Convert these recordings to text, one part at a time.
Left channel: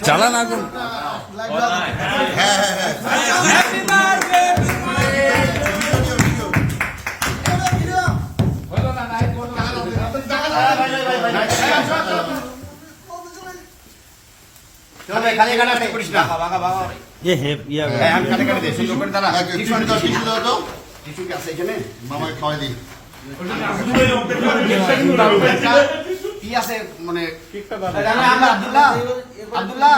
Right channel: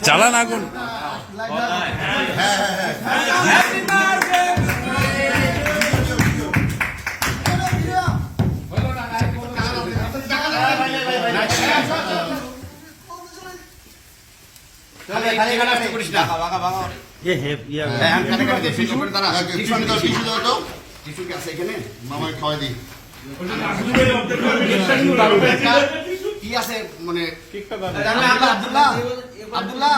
চালান আগুন। মামায় খাওয়াই দিই কি আছে মানে আব্দুল্লাহ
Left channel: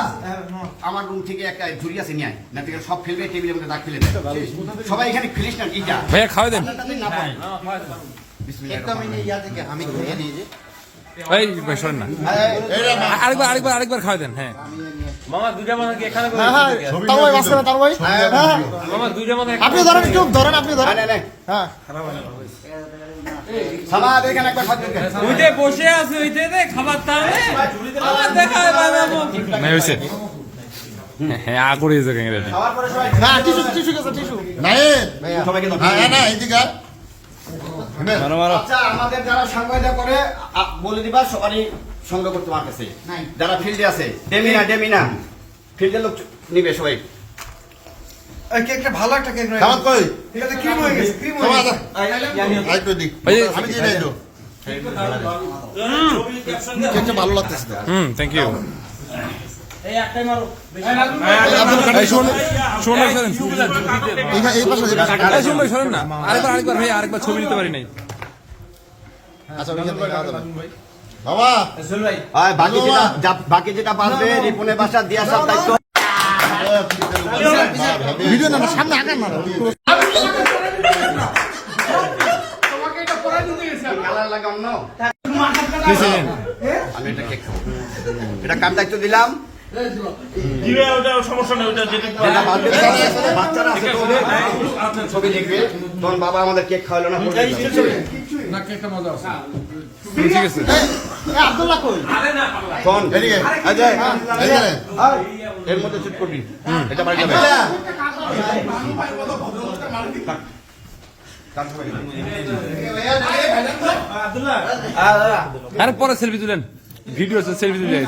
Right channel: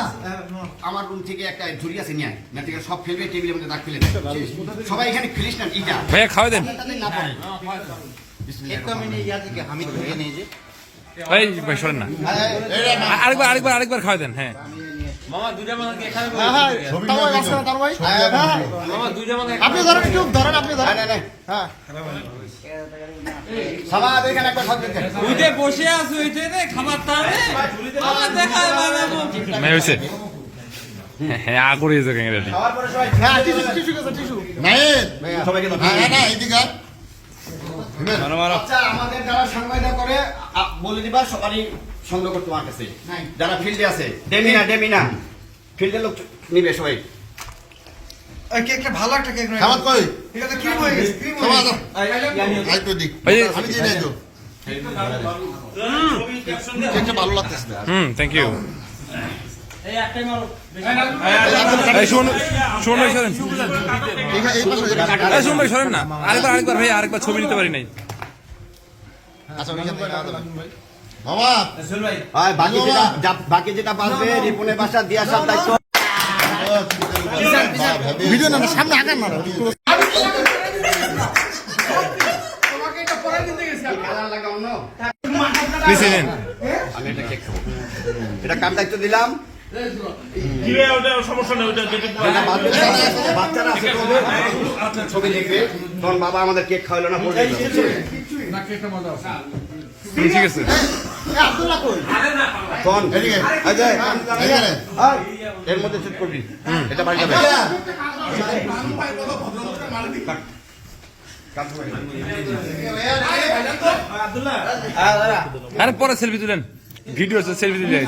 আমার রুম থেকে একটা ঝুড়ি আছে নিয়ে না থেকে সব ফেলবে টেবিলের মধ্যে দাগ ফেলে দেয় সবাই এখানে ফেলিস না ইটা ভাইয়া খাওয়াই দেন না পড়ে আমি ধরিয়ে দিয়েছি ভাই ভাই সরেন না আরেকবার খাওয়াই দেন। হ্যাঁ মামা দুইটা মানুষ কি এখানে আপনি ধরেন একটু ধরেন আপনি ধরেন হ্যাঁ সামাদ এখানে একবার খাওয়া দেন ওইতে বসে আছে ওইতে রে খাবার তারে আমার দেখা বাজাবো নাই হইছে। হ্যাঁ আ করে দিতে কেন রেডি খাওয়ার পরে সবাই হ্যাঁ টিস্যু নাই সবাইকে না এইদিকে আচ্ছা আমাদের যারা সংবাদ করে বলে দিবা সবারই সংগ্রহ করতে আমার কাছে যারা ফিল্ডে আছে ডেমিনা ফিল্ডের লোক নিবে সবাই কেকটা ভালো একটা কেক খাবার কই এটাতে ক্রিম হয়ে গেছে ক্রিম হয়ে গেছে আই তো দিক আমি দিয়ে দেই তো কেকটা ভালো লাগতেছে থ্যাংক ইউ। এই একটাই মারো এই শুনুন ভাই সরেন। এই শুনুন ভাই সরেন না আরেকবার ভাই আরেকবার ছবি নিতে পারি নাই। বাবা বাকি যেটা বাঁচবে রিপনের বাসা দিয়ে আসার দায়িত্ব ভিডিও না সামনে আগান মারো আমি এটা কেক খাবো এটা কার দায়িত্ব দিলাম বাচ্চারা আছে ছবি দেখবে তখন বাবা আমাদের কেক খাওয়ালো না ঠিক আছে এর মধ্যে চুপ করবি এটা আরে পরে সেলফি তুলেন ভিডিও সেলফি তুলে